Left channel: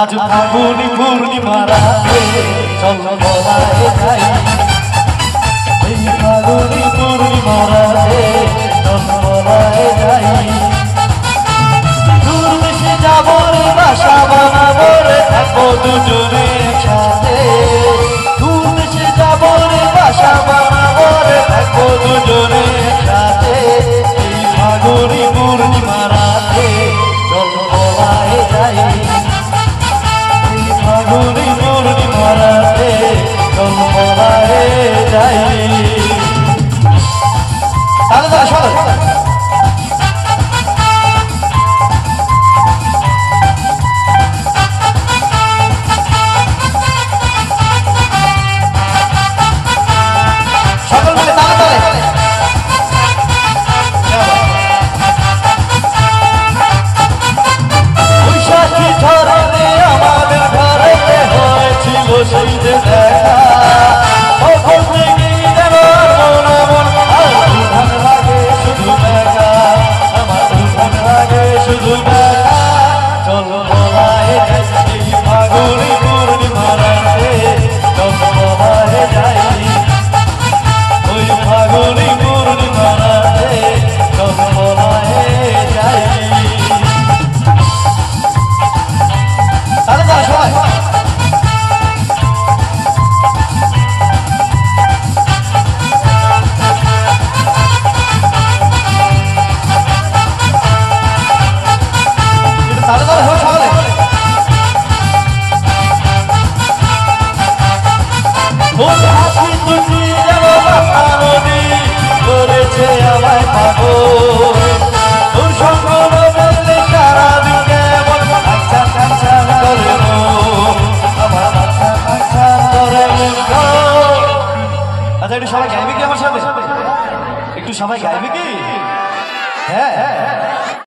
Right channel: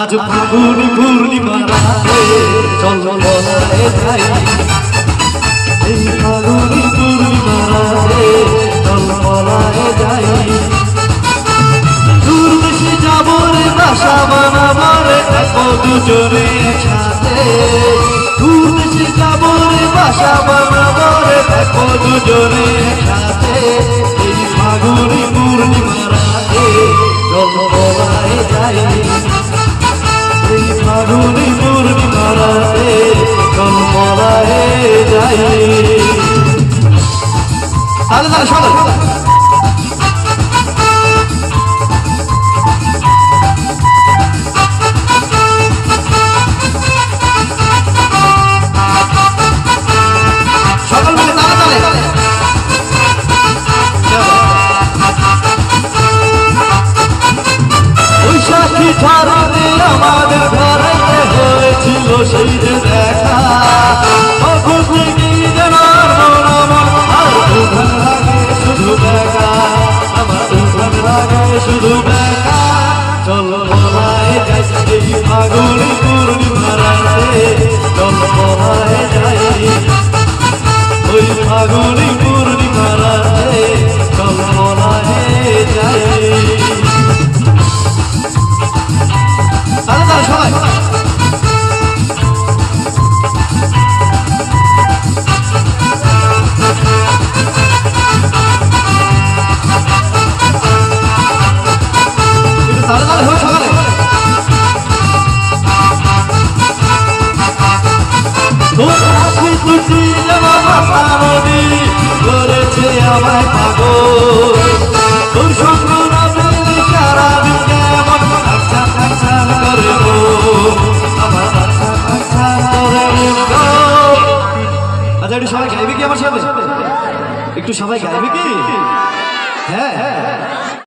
আজ ফাগুনি পূর্ণিমা রাতে চল ললায় যাই, এই ফাগুনি পূর্ণিমা রাতে চল ললায় যাই। দূর দেশে যাবো রে বাসা বানাবো রে থাকবো দুজনে একসাথে, দূর দেশে যাবো রে বাসা বানাবো রে থাকবো দুজনে একসাথে, এই ফাগুনি পূর্ণিমা রাতে চল ললায় যাই, এই ফাগুনি পূর্ণিমা রাতে চল ললায় যাই। তাহলে তাহলে শোনো ধরনে আমাদের ভারতে হয়েছিল সেই যে দেখা, তখন থেকে যেন আমার ভালো লাগে শুধু দেখা, আমার ভালো লাগে শুধু দেখা। চল ললায় যাই, এই ফাগুনি পূর্ণিমা রাতে চল ললায় যাই, ওই ফাগুনি পূর্ণিমা রাতে চল ললায় যাই। আমায় পাবো তোর সঙ্গ রইলে সারাদিন কেমন আচ্ছা আচ্ছা করে গো, আমার আচ্ছা আচ্ছা করে গো। আচ্ছা একটু সবাই গাইবে কি আমার সামনে? একটু সবাই গাইবে কি? হ্যাঁ।